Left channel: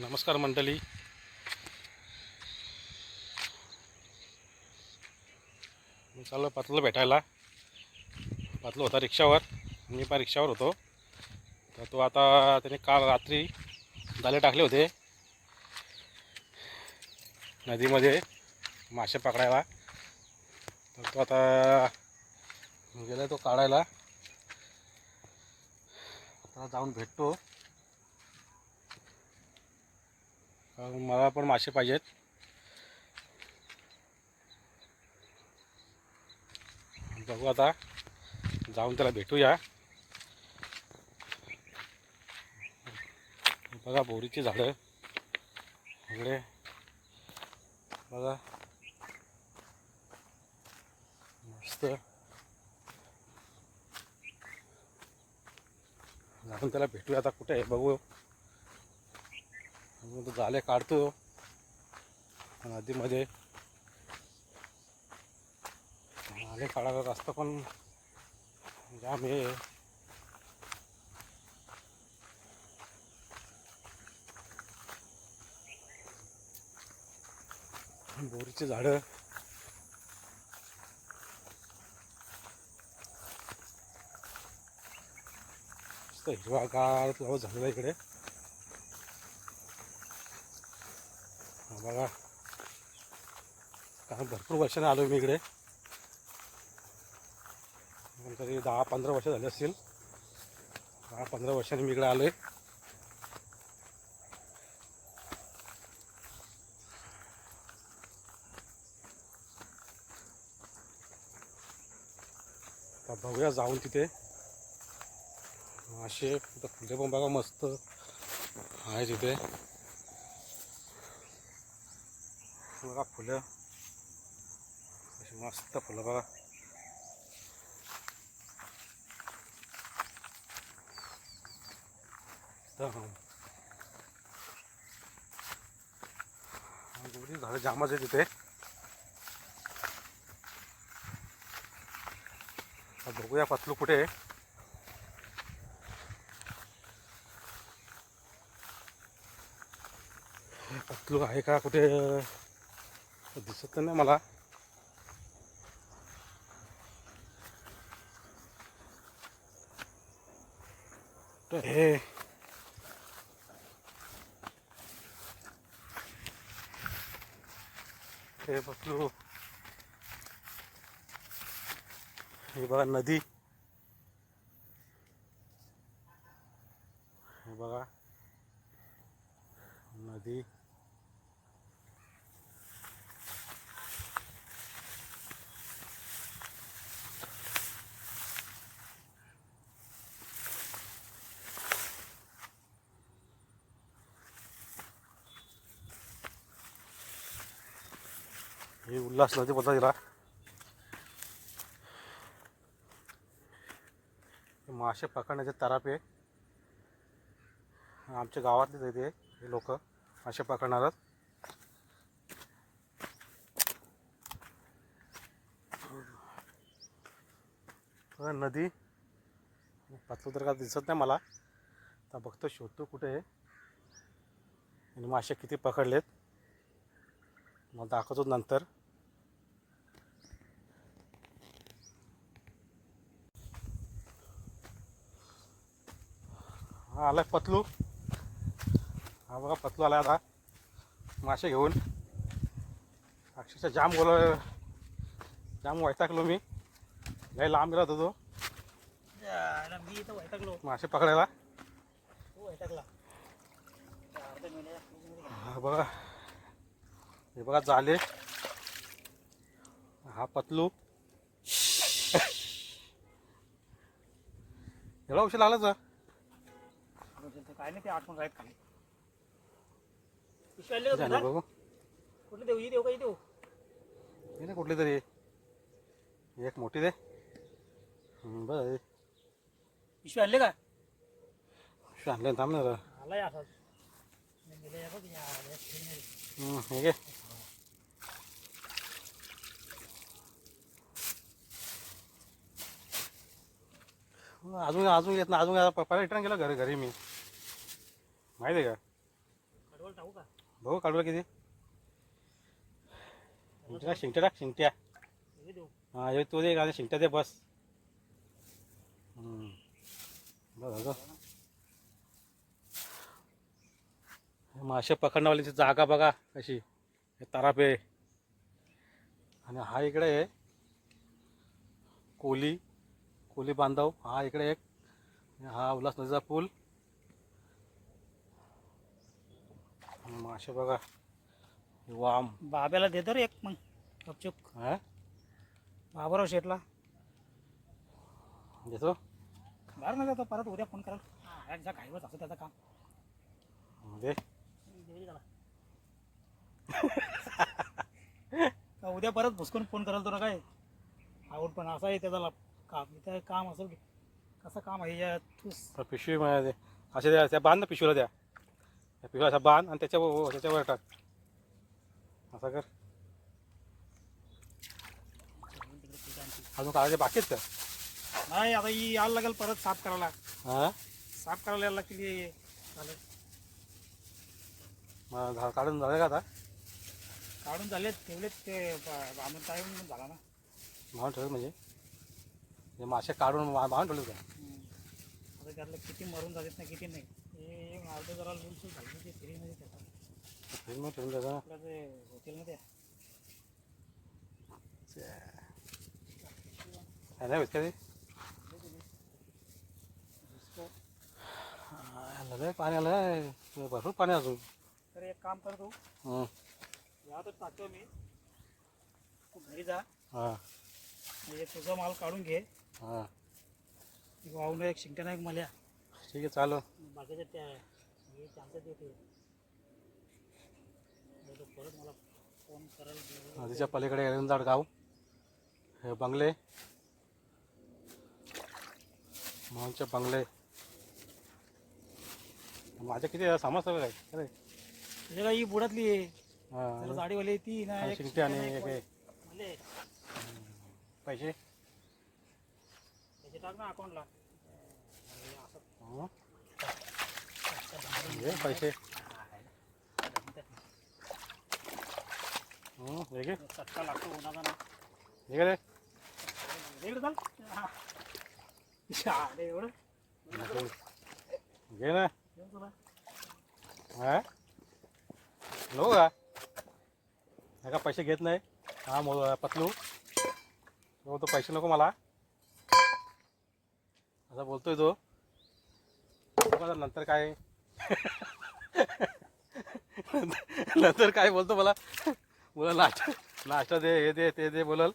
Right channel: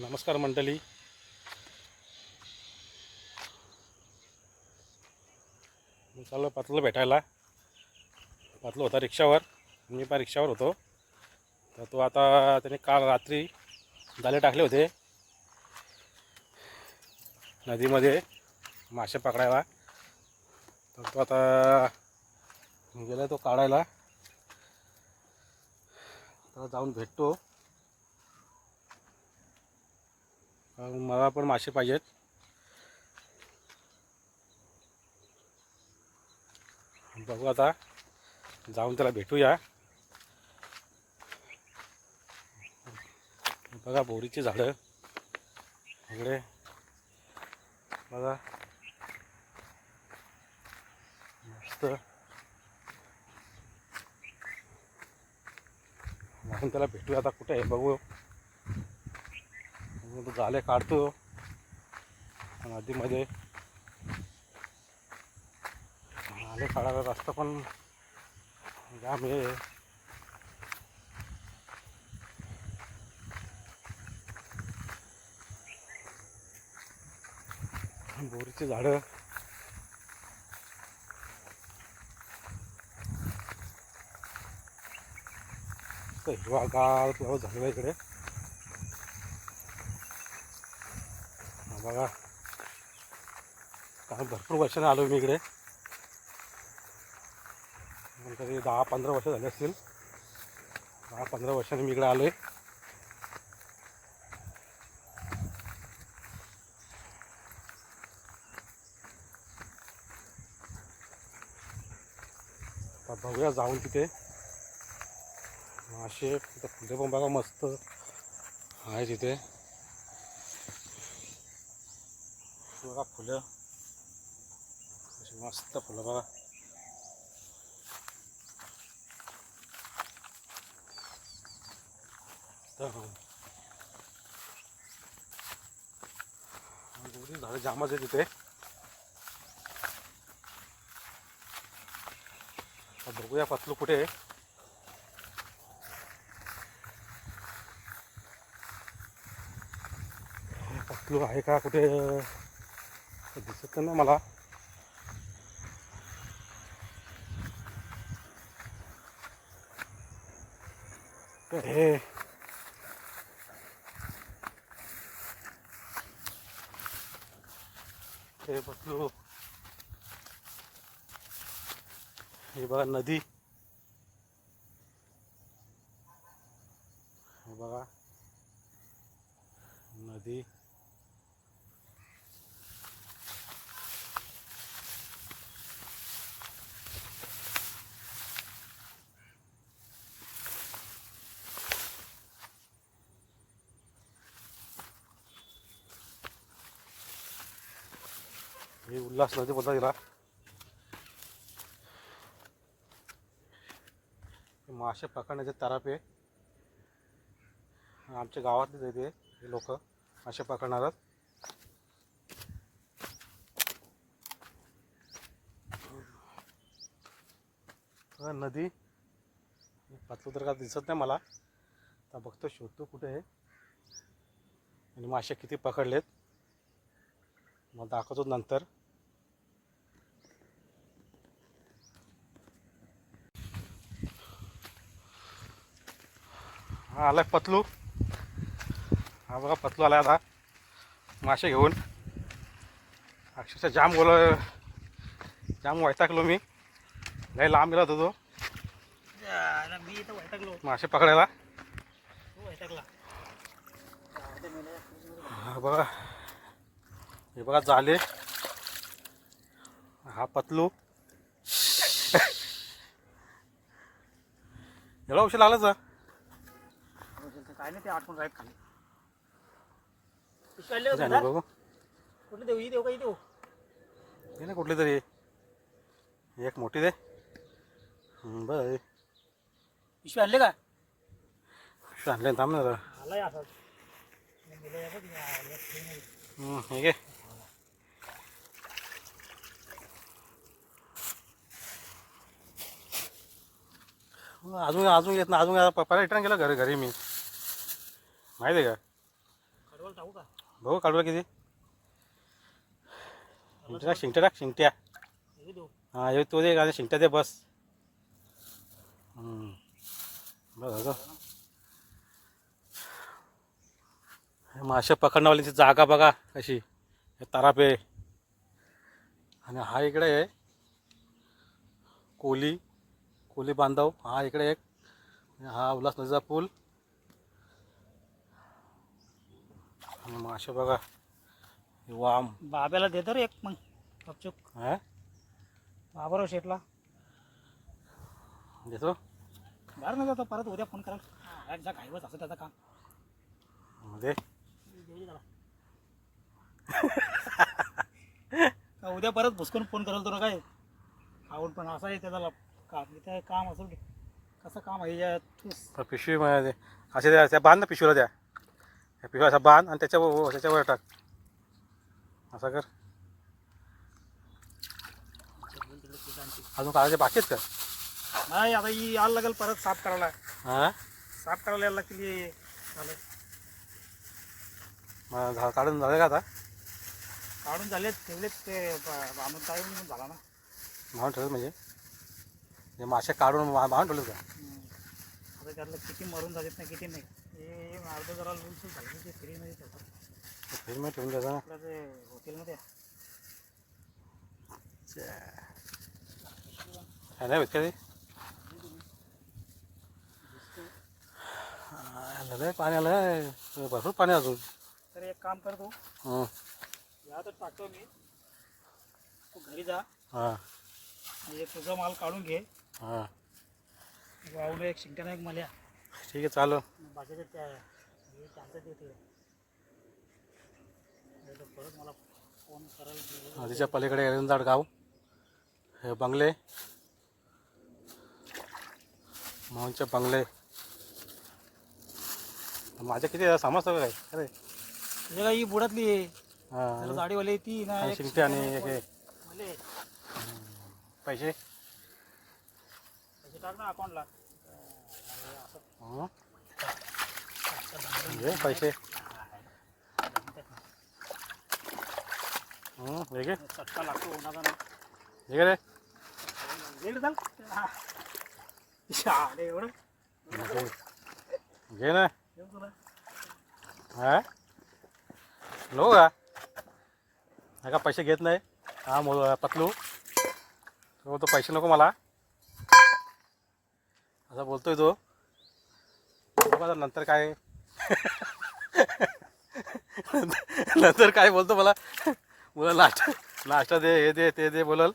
नमस्कार मंडळी. मी चाललो पातळला भेटायला. पातळ होता रिक्षावर, मी पण रिक्षावर होतो. तर तो आता त्याने काल रात्री जाळे टाकले होते नदीमध्ये मासे पकडायला. तर तो आता गेला तो काढायला. आता जाऊन भेटतो. मला पण मासे पाहिजेत. बघू आता जाऊन त्याला भेटूया. बघा बोरीची झाडं इकडे बघा, मस्त. जाऊन त्याला भेटूया. आता कुठे आहे बघू. तो जाळे काढतो नदीमध्ये. जाळे काढायला रस्ता पण जाम आहे. बोरीची झाडं हिरवागार पाऊस झालेला इकडे. बघा, कारण भरपूर वर्षाने आलो मी इकडे. तरी 10-15 वर्ष झाले असतील. 10-15 वर्षांनी मी इकडे आलो आहे. आता बघूया जाऊन तिथे मासे. तिथं फुले पण बघा मस्त आहे तिथे. बघा फुलं अशी मस्त फुलं बघा. झाडं जामच आहे तिथे. बघूया पतलू कुठे आहे. पतलू आहे का कुठे दिसत नाही मला. हे पतलू, हे बघा नदी. हे बघा नदी. हे उल्हास नदी बोलतात तिला. मासे पकडण्याचे तरापे आमच्या गावातलेच येते हे लोक मासे पकडणारच. नदी पतलू तर का दिसत नाही मला. आता बघतो, शोधतो कुठे आहे आणि मासे किती पकडलेत मला दाखवतो नंतर. हा आलाय पतलू. हा बघा पतलू आलाय आता मासे घेऊन. अक्षरशः जाम वैतागलो मी. लय लांब गेला होता तो मासे पकडायला. हा बघा, हे बघा जाळे. हा पतलू. एवढा उशीर लागलाच काय नाही, ते आठवण राहत खाली बघू. कुठले देऊ? देऊ काही देऊ हे ना कुठली तरी एक मोठी दे. बरं पिशवी आणले का? आणले थांब ना. आलाय असाच हे घे. अजून येत ना. अजून पप्पाला रिटर्न केलं घरी मी. माहिती आहे का? परवल टाकू का? बघू काढूला किती शिंगट्या टाक शिंगट्या. हे देऊ. हां ये तू दे आणि शिंगट्या दे बस. बघ मासे पकडण्यावाल्यांची जागा बघा कशी. तरापे आणि हा इकडे आहे कोली बांधव. हा इकडे एक हा उल्हास नदीचा पूल. आणि मासे बघा वाम. बाब्याला देतो रे एक मग गपचूप. हा बाबराव शेटला देतो बाहेर नाही जातो. परत उद्या फोन कराल. यांच्या घाईवच असं त्याचं काम. दे. देऊ दे त्याला. का उद्या परत भुसकून फोन कराल तुला काय आवड. पण असं आहे त्याचा काम. इथं काम असेल कसं काम आहे या तूच. पिशवी मध्ये असे द्या त्या बांध ना पिशवीला द्या. पिशवी असा बांध आणि त्याच्यावर टाक. असं कर. अजून काढायचे बाकी आहेत का? नाही आता ही यायला लागेल परत साफ करायला. हां साफ करायला यायला लागतील. चालेल काढून झालं का आता? काढून झालेत ठेवलेत ते बांधून टाळून झाला ना. बांधून ठेवलं म्हणजे ते मासे काढून बांधून ठेवलं का? आता त्यातलं किती मरून झालेत ना किती नाही. हे अर्ध जरा लूलसूल झालं ते फ्रीमध्ये ठेवतात. फ्रीजमध्ये ठेवून द्यायचं. आपलं ते हॉटेलमध्ये नाही भेट का ते? आलं पाणी आलं भरपूर पाणी अजून. तर एक काम कर तू. या तर टाकतो मी. तू घरी जा. हां म्हणजे तुझा माल काढून घे. हां वाहून एक शिंगट्यानं एक मल्या. ठीक आहे चालू. बाकीचं त्या चान्सेस देते. परत मला फोन करायला. नदीच्या पलीकडे एरंदाड गाव. हे बंगले मोहनचे बंगले. माझ्या किती समजतं काय अरे. हे काही बुडातली आहे. हां जाडीवाली ती ना एक शिंगटे आणि एक मले. पैसे पैसे टाक ना अकाउंटला. पैसे हे घे. चटका लागतो उन्हाचा ना. हे घे रे. रेड चाल. शाळे एवढं घे ना. घेऊन तुला. हां नको का? का पैसे घेत नाही. हा पतलू तो बोलतो पैसे नको मला असं बोलतोय तो. बघा नंतर काय नंतर काय बोलतो मला नाश्ता दे हे दे ते दे बोलल.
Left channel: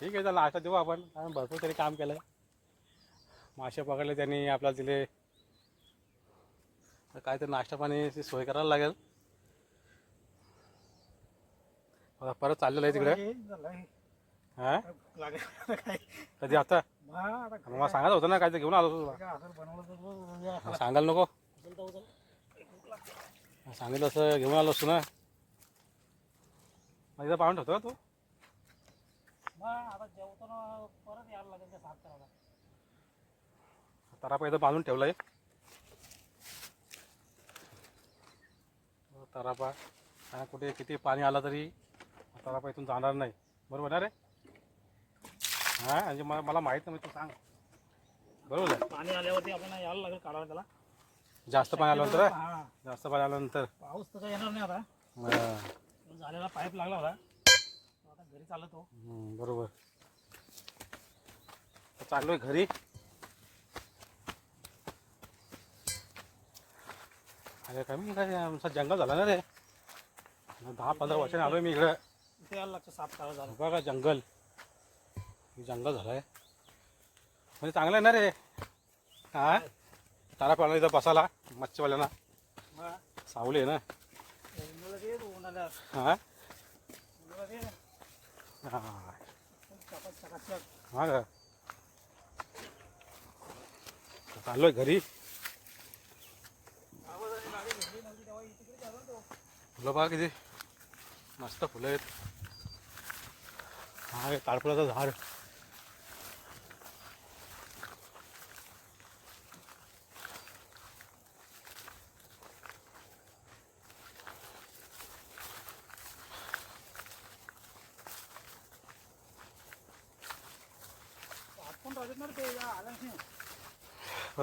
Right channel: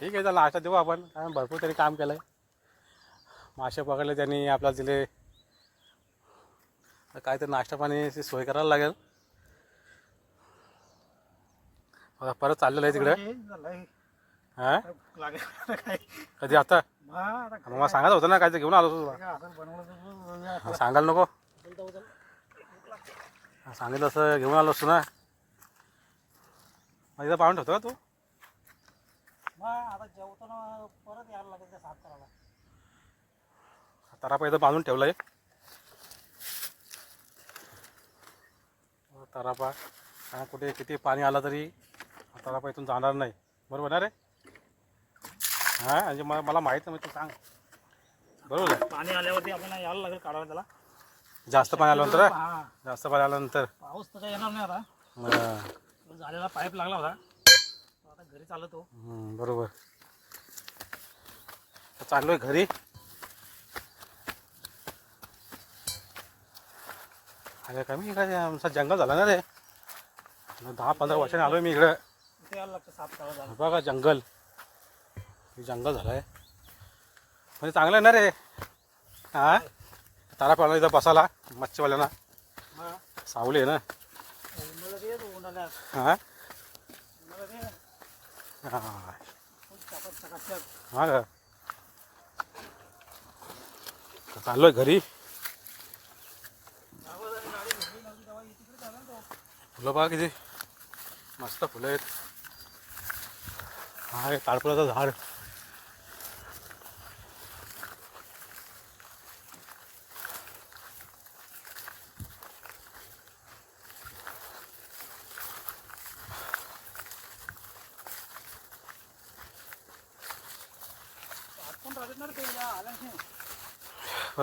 ठीक आहे त्याला नाश्ता देऊ आपण. भरपूर त्यांनी काम केलं आहे. मासे पकडले त्यांनी आपल्याला दिले. काय तर नाश्ता पाणी सोय करायला लागेल. आता परत चाललेलं आहे तिकडे. हां काय कधी आता आता मला सांगत होतं ना काय ते घेऊन आलो तुला. असं बनवलं सांगायला नको. सांगितलं असं घेऊन आलो असतो ना. मग इथं पाहून ठेवतो का तू? आता जेवताना परत यायला लागेल ते साफ करायला. तरापा इथं बांधून ठेवलं आहे. तरापा कुठे किती पाणी आलं तरी तरापा इथून जाणार नाही. बरोबर ना रे? हां म्हणजे मला माहीत नाही. तू सांग बरोबर आहे. पाणी आल्यावरती आपण यायला लागेल काढायला त्याला. जास्त पाणी आल्यानंतर हा जास्त पाणी आल्यानंतर पाऊस तर काही येणार नाही आता. झालेला पाईप लागला होता. आता घरी चालतो. बरोबर. चाललोय घरी. अरे कमी काय आमचा जंगल झाला ना रे. 10-15 वर्षांनी आलोय मी इकडं. इथे यायला लागतं साफ करायला. बघा जंगल जंगल झालं आहे म्हणजे चांगलं आहे ना रे. हां तारा पाळला इथं बसायला मच्छीवाल्यांना. सावली आहे ना. उन्हाळ्यात ये तो उन्हाळ्यात. हां उन्हाळ्यात ये. हां चकाचक. हां का चाललोय घरी. फुलं बघा किती मस्त फुलं आहेत. हा हे ताडपळाचं झाड. लागत ना रे ते या आल्याने.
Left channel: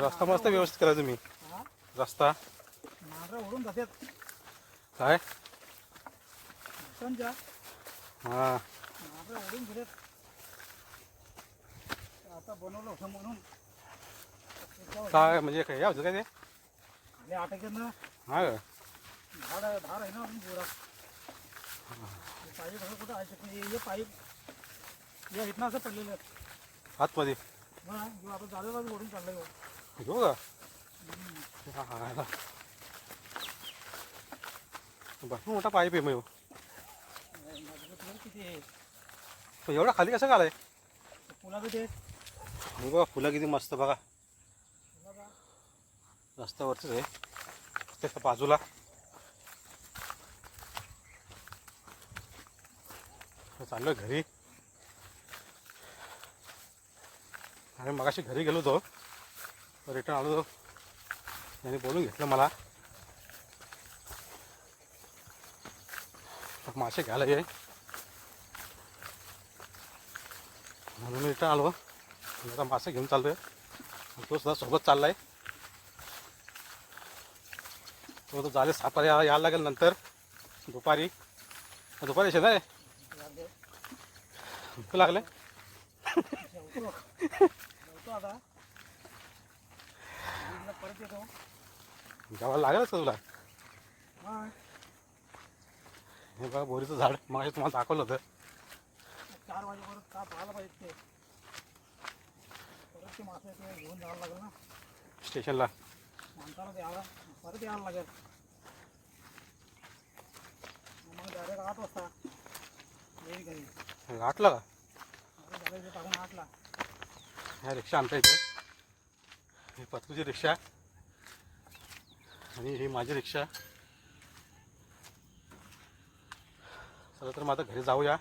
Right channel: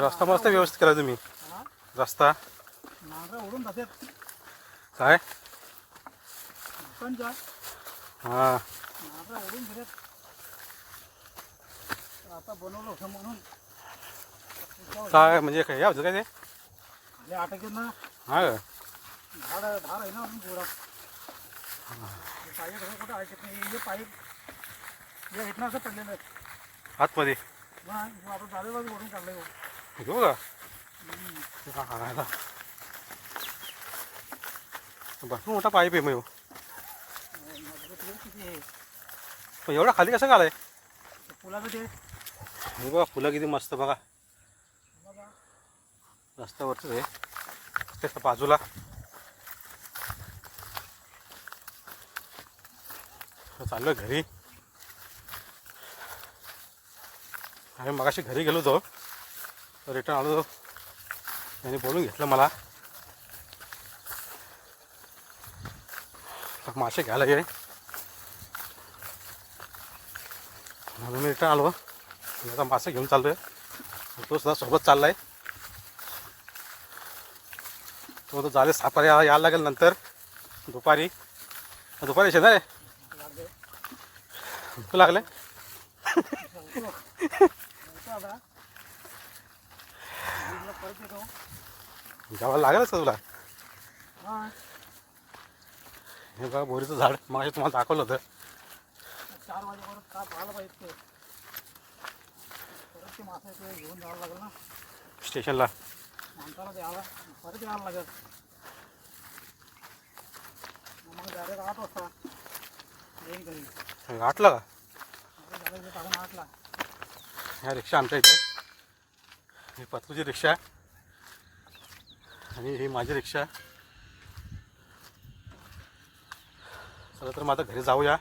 रस्ता मस्त व्यवस्थित केला तुम्ही. हा रस्ता नांगरा उडून जातात काय लोकांच्या. हां नांगरा उडून गेलेत. आता बनवलं होतं म्हणून काय म्हणजे काय या होतं काय ते खाली अटकत ना. हां का? झाड धार आहे ना अजून पुरा. पाईप असं कुठं ऐकत नाही. हे पाईप या इथनं असं पडलेलं आहे. आतमध्ये हा जो आता झालेला ओढून काढला हो. घेऊ का हां भरपूर मोठा पाईप आहे मग ह्यो. मजबूत आहे किती हे. पण एवढा खाली कसं काढाय ते पुलाचं ते हे बघा फुलं किती मस्त बघा पुलाचा रस्त्यावरच आहे त्याच्या बाजूला. चाललं घरी. आम्ही मगाशी घरी गेलो होतो रिटर्न आलो त्यांनी बोलून घेतलं मला मासे घ्यायला ये म्हणून मी रिटर्न आलो. आता मासे घेऊन चाललोय. तो सुद्धा सोबत चाललाय. तो झाले सापारी यायला लागेल नंतर दुपारी येणार आहे. लागले भूक लागले आता बीडला परत येतो. जेवायला लागेलच का तुला. हा हे बघा बोरीचं झाड मग तुम्हाला दाखवलं होतं. 4 वाजेपर्यंत का पाहायला पाहिजे ते. परत ते मासे ते घेऊन जावं लागेल ना स्टेशनला. माणसाला द्यायला परत यावं लागेल. मग डायरेक्ट 8 वाजता येईन घरी. गाठलं का झालं इथे टाकून 8ला. ह्या रिक्षा आमच्या इथे ही पत्रूची रिक्षा आणि ही माझी रिक्षा. चला तर मग आता घरी जाऊया.